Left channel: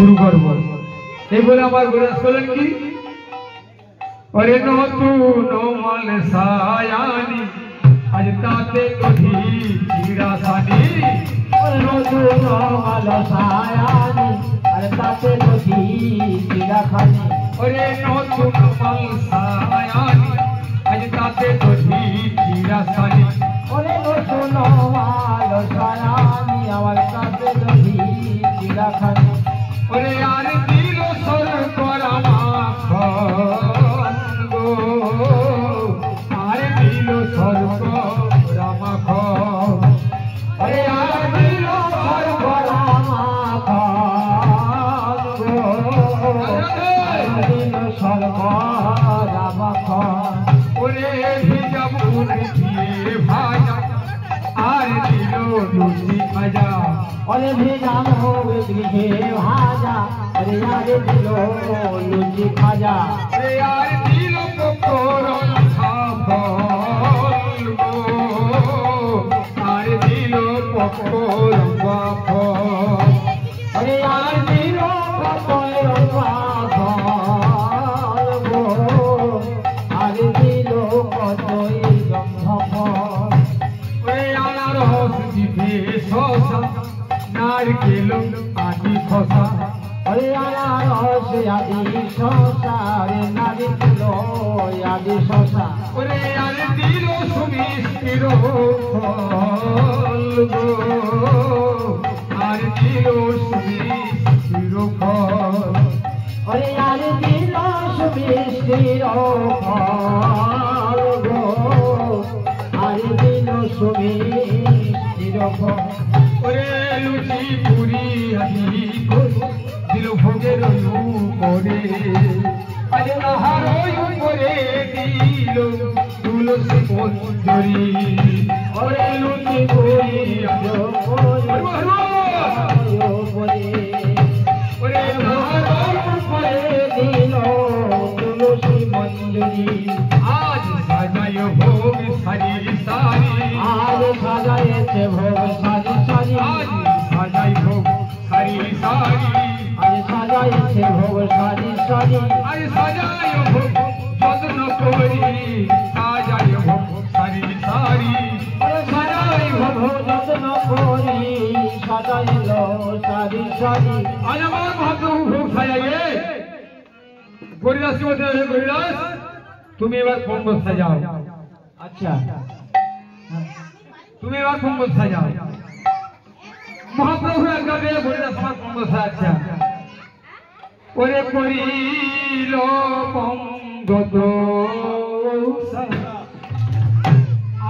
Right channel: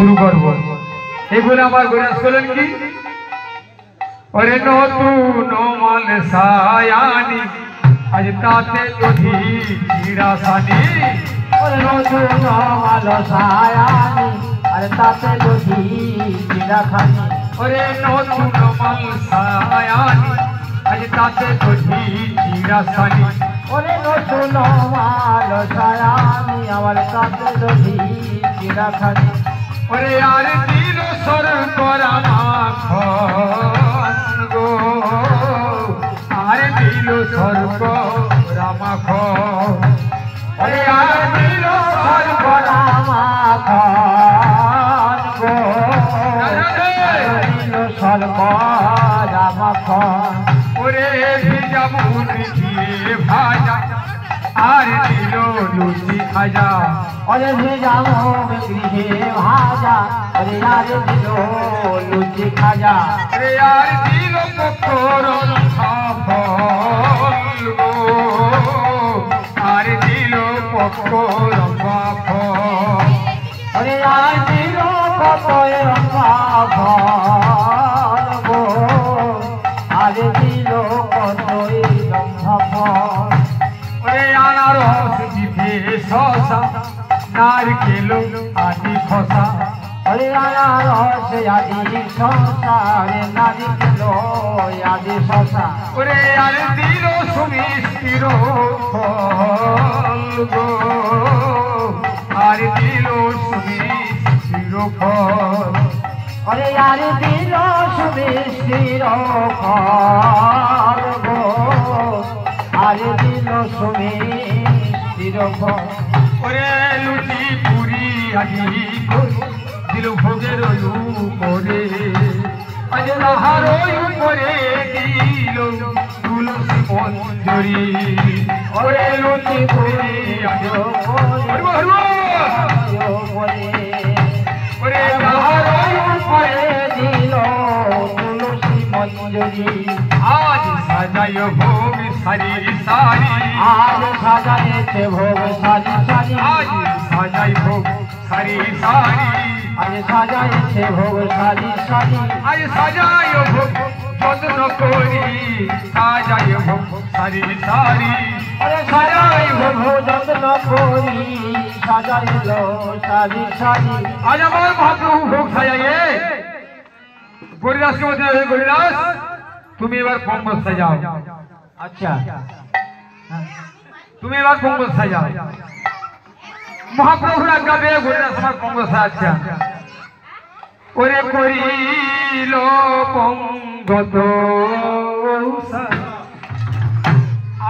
শুরু করব। এই বলে আমার গোরাস করলেন কি, ওরে নতুন মাল সায়ানি আজ তাতে কধি চিরাসানি, নতুন মাল সায়ানি আর তাতে কধি চিরাখানি, ওরে নতুন মাল সায়ানি আজ তাতে কধি চিরাসানি, ওরে নতুন মাল সায়ানি আমার তাতে কধি চিরাখানি, ওরে আর দিল সর করা মাখন গো, আর দিল সর করা মাখন, ওরে আর দিল সর করা মাখন গো, দিল সর করা মাখন, ওরে ভিজা মুড়ি দিয়ে ভাজা আর দিল লুচি খাজা, ওরে ভিজা মুগ গৃহে ভাজা ওরে আর দিল লুচি খাজা, ওরে আর দিল পকোড়ন খাফল গো, আর দিল পকোড়ন খাফল, ওরে আর দিল পকোড়ন খাফল গো, আর দিল পকোড়ন খাফল, ওরে আনারস জিভে শসা নারকেল আদি খসা, ওরে আনারস আদি শসা রে নারকেল আদি শসা, ওরে আর দিল সুমিষ্টির ফল গো, আর দিল সুমিষ্টির ফল, ওরে আর দিল সুমিষ্টির ফল গো, আর দিল সুমিষ্টির ফল, ওরে লুচি পুরি আদি দিল ভোগের উপরে, আজ নাহার উপরে দিল তুলসী মঞ্জুরি, ওরে লুচি পুরি আদি ওরে নাহার উপরে দিল তুলসী মঞ্জুরি, আজ সাজায় ভোগ সারি সারি, আজ সাজাইছে ভোগ সারি সারি, আজ সাজাই ভোগ সারি সারি, আজ সাজাইছে ভোগ সারি সারি, আজ সাজায় ভোগ যত্ন করি, সাজায় ভোগ সারি সারি, আরে সাজাই ভোগ যত্ন করি, সাজাইল সারি সারি, আজ আমার মহাপ্রভু ভোগ সাজাইয়ে। গরিদাসকে বলতে হবে, গরিদাস তুমি এবার পঙ্গল সাজাও, আচ্ছা তুমি এবার পঙ্গল সাজাও। মহাপ্রভুর আজ্ঞা পেয়ে গরিদাস আমার পঙ্গল সাজাচ্ছে। ওরে করিল পঙ্গত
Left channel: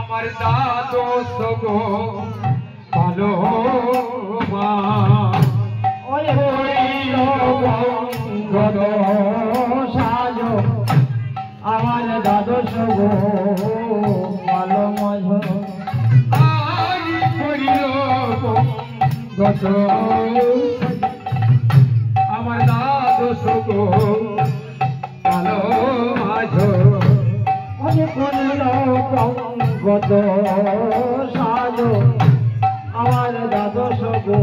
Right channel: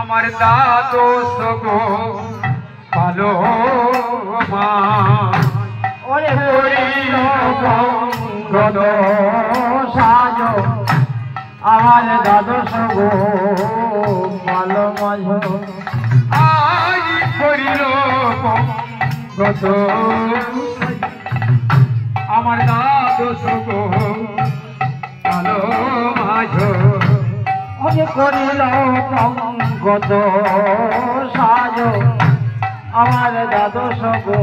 আমার দ্বাদশ গো ভালো মা, ওরে করিল পঙ্গত সাজো আমার দ্বাদশ গো ভালো মাঝো, আজ করিল পঙ্গত আমার দ্বাদশ গো ভালো মাঝো, ওরে করিল পঙ্গত সাজো আমার দ্বাদশ গো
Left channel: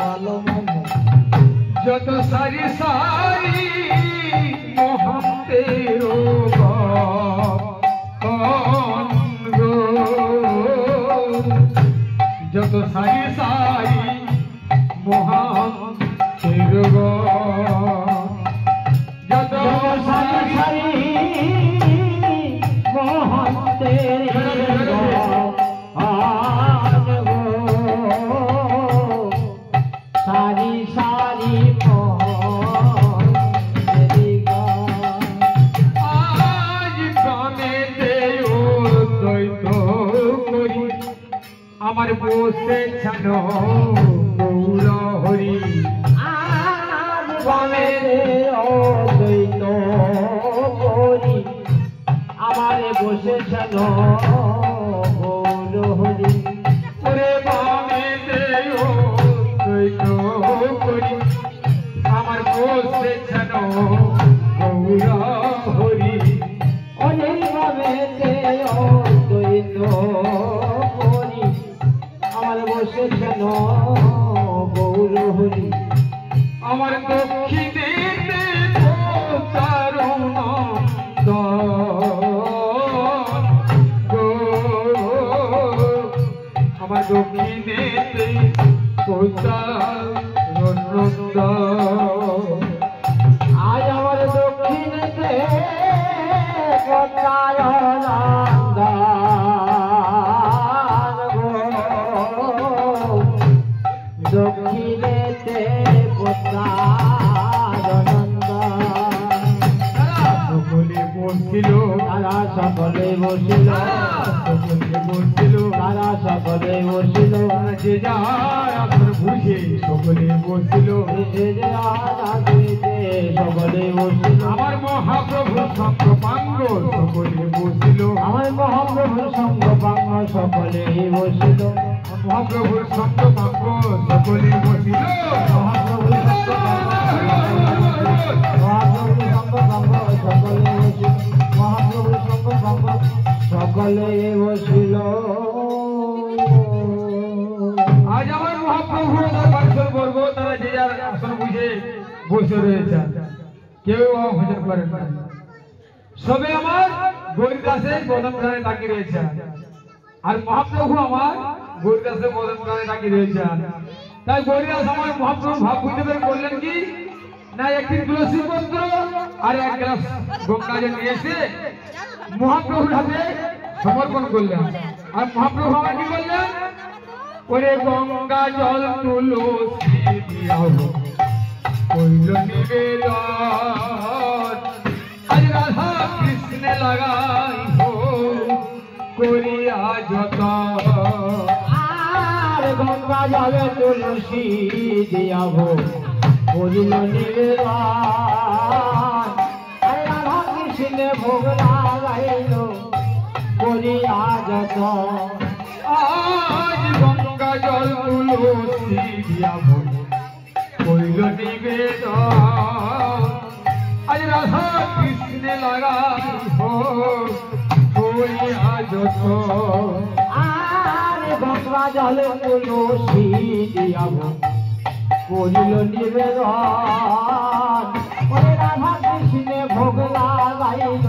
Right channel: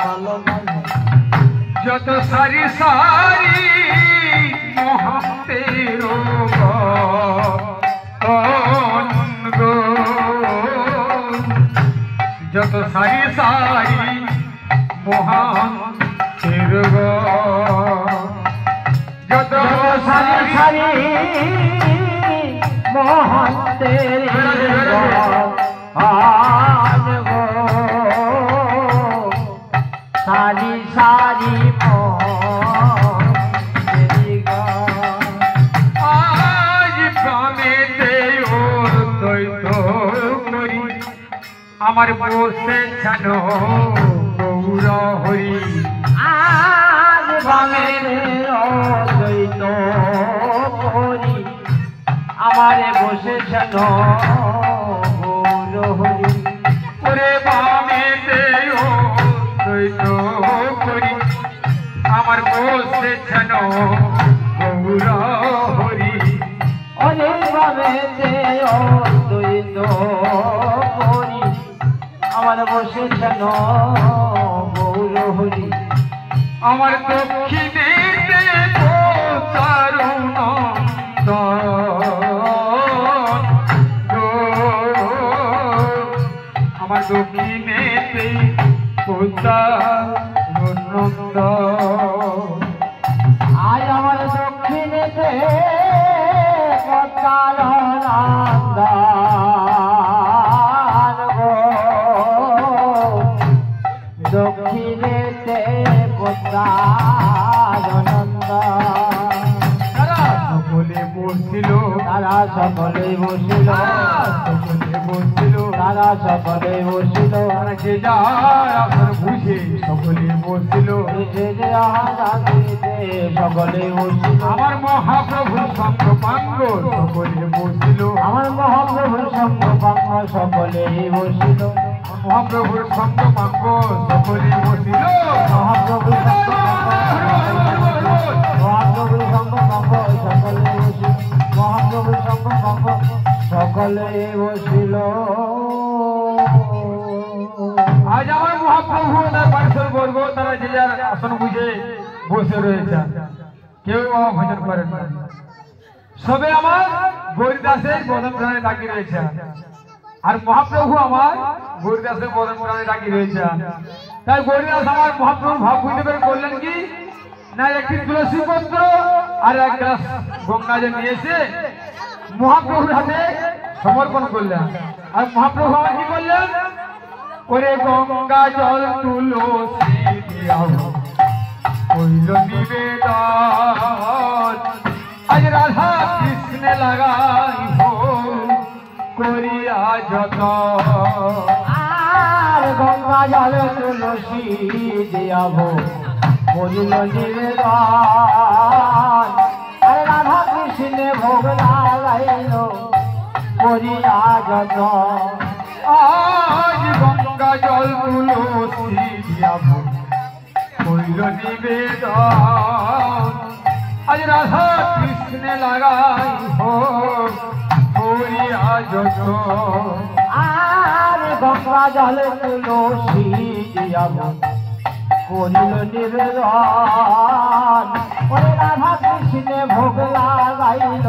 ভালো মাঝো, যত সারি সারি মহান্তের গো, যত সারি সারি মহান্তের গো, যত সারি সারি মহান্তের আন গো, সারি সারি মহান্তের গো, আজ প্রাণেতে ওর দ্বৈত করি, আমার বসে ছাড়ো গৌর হরি, আজ বামের অদ্বৈত করি, আমারে বসেছেন গৌর হরি, ওরে বামেতে ও দ্বৈত করি, আমার বসে ছাড়ো গৌর হরি, ওরে বামেতে অদ্বৈত করি, আমার বসেছেন গৌর হরি, আমার দক্ষিণেতে তরুণ আমার দক্ষিণেতে নন্দ আজ আমার দক্ষিণেতে নন্দ দক্ষিণেতে নন্দ সকলে বসছিল তারা সকলে বসিল তারা সকলে বসিল যে যার আসন বুঝে সকলে বসছিল সকলে বসিল আমার মহাপ্রভুর সঙ্গ পাঙ্গ সকলে বসছিল আমার মহাপ্রভুর সঙ্গ পাঙ্গ সকলে বসিল মহাপ্রভুর সঙ্গ পাঙ্গ সকলে বসিল মহাপ্রভুর সঙ্গ মহাপ্রভুর সঙ্গ পাঙ্গ সকলে বসিল মহাপ্রভুর সঙ্গ পাঙ্গ সকলে বসিল আজ আমার মহাপ্রভু তার পার্শ্বর বর্গ তারা যে যার আসন বুঝে বসে রয়েছে কেউ বাবা ভজন করেন না সবে আমার গৌরীদাসের বদন প্রাণে ডাকি রয়েছে আর মহাপ্রভু আমার গৌরীদাসের বদন প্রাণে ডাকি রয়েছে তাই গৌরীদাস আমার মহাপ্রভুর ভাব বুঝতে পেরে বললেন কি না একটি তুলসী পত্র আর এক গ্লাস গঙ্গা জল নিয়ে এসে মহাপ্রভুর হাতে সমর্পণ করলেন আর মহাপ্রভু আমার কি করলেন ওরে গঙ্গা জল তুলসী কইল নিবেদন আজ রাধা কৃষ্ণ লাগাই হো করিয়া যত আর গঙ্গা জল তুলসী দিয়াব করিল নিবেদন আরে রাধা কৃষ্ণে ভোগ লাগাইল করিয়া যত আজ গঙ্গা জল তুলসী দিয়াব কইল নিবেদন আজ রাধা কৃষ্ণ লাগাই হো করিয়া যত আর গঙ্গা জল তুলসী দিয়াব করিল নিবেদন ওরে রাধা কৃষ্ণে ভোগ লাগাইল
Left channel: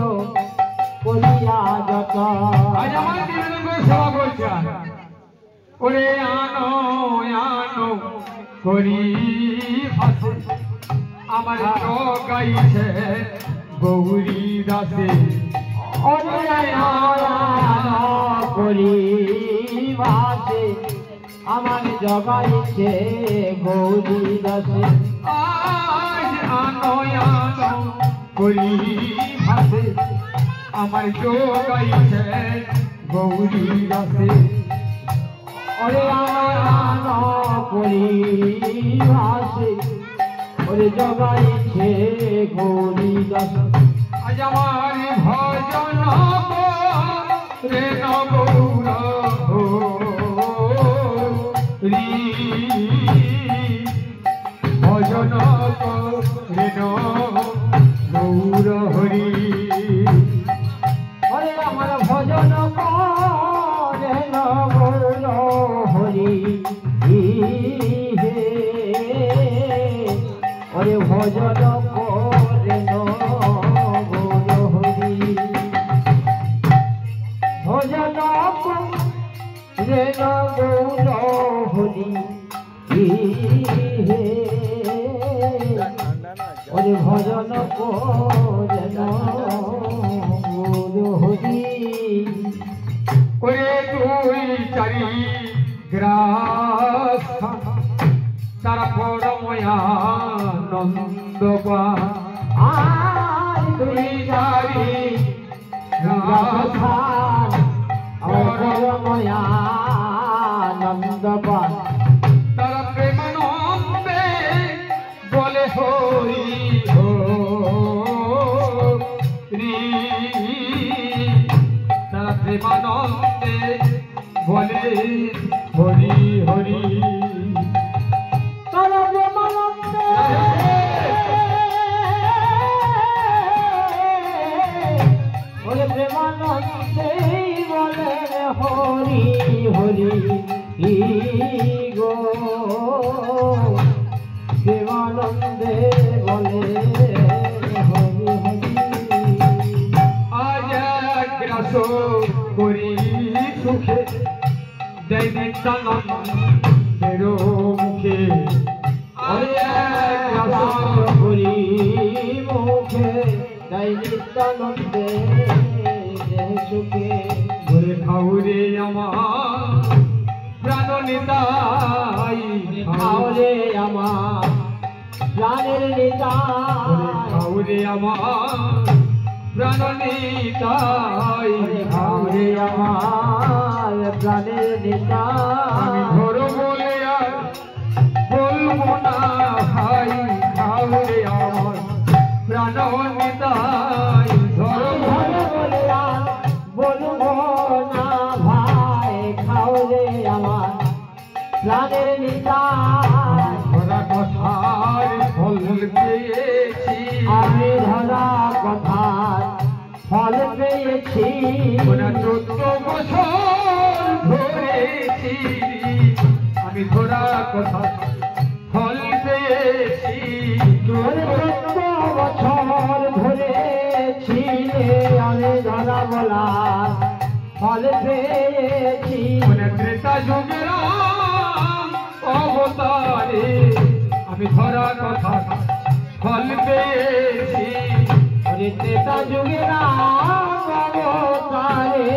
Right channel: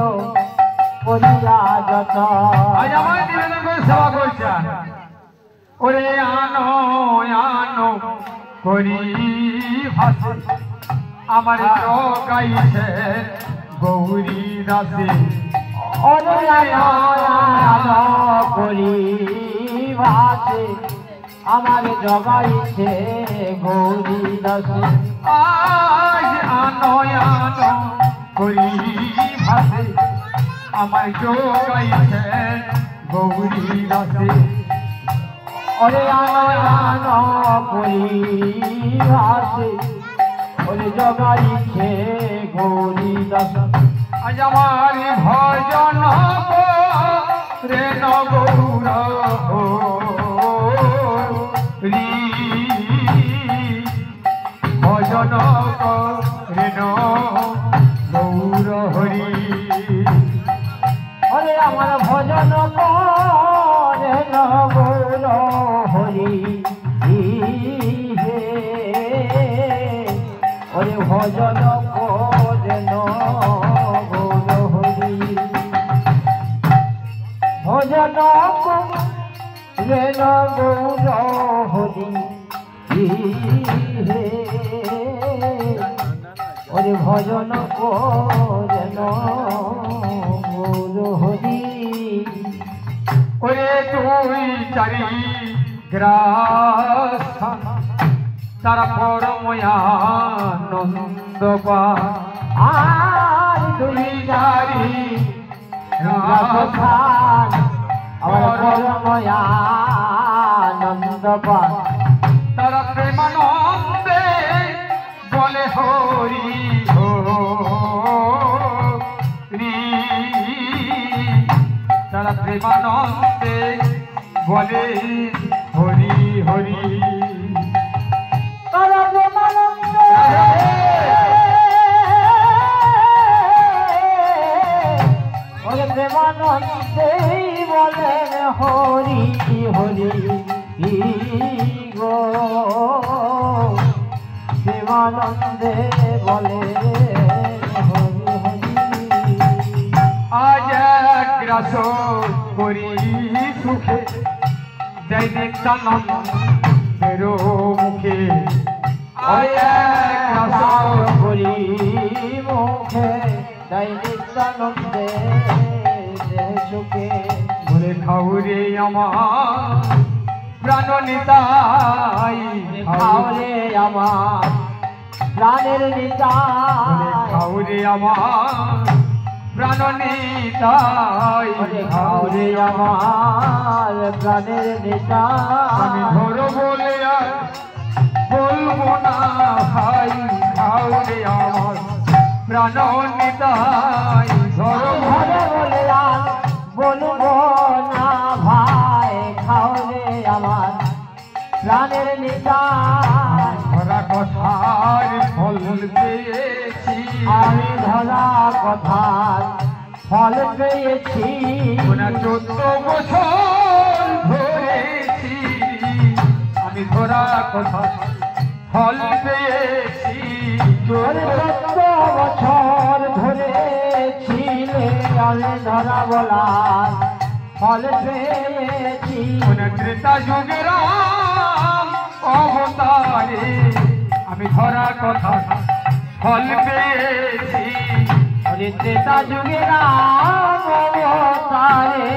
করিয়া যত আজ আমার নিবেদন করে সেবা করছেন ওরে আনো আনো করি ভাসে আমার গাইছে গৌরী দাসে ওরে করি ভাসে আমার জগাইছে গৌরী দাসে আজ আনো আনো করি ভাসে আমার গাইছে গৌরী দাসে ওরে আনো করি ভাসে ওরে জগাইছে গৌরী দাসে আজ আমার ভজন রে গৌর হরি ভজন রে গৌর হরি ওরে আমার ভজন করে গৌর হরি ওরে ভজন করে গৌর হরি ভজন করে গৌর হরি ওরে ভজন করে গৌর হরি ওরে তুই চারি গ্রাস তারা পরময়ানন্দ আর তুই চারি রাধান আমার পরময়ানন্দ তারা প্রেমানন্দে বলে হরি হরি তারা প্রেমানন্দে বলে হরি হরি তারা প্রেমানন্দে বলে প্রেমানন্দে বলেন হরি হরি গো প্রেমানন্দে বলে হরি হরি। আজ গ্রাস করি সুখে দেয় নিত্যানন্দের মুখে। আজ গ্রাস করি মুখে তাই নিত্যানন্দে সুখে। বলে খাউরে আমার প্রাণ নিতাই, খাওরে আমার প্রাণের নিতাই, খাউরে আমার প্রাণ নিতাই, খাওরে আমার প্রাণের নিতাই। আমি ধরো বলে আর বলবো না ভাই, খাউরে আমার প্রাণ নিতাই, ধরো ঘরে বললাম বলবো না ভাই, খাওরে আমার প্রাণের নিতাই। ধরা কথার ফল পেয়েছি, আমি ধরা কথার ফল পেয়েছি। 14 বছর ধরেছি, আমি ধরা কথা ফল পেয়েছি। 14 বছর ধরেছি আমি ধরা বলা ফল পেয়েছি। ত্রেতা যুগের অবতারে আমি ধরা কথা ফল পেয়েছি। ত্রেতা যুগের অবতারে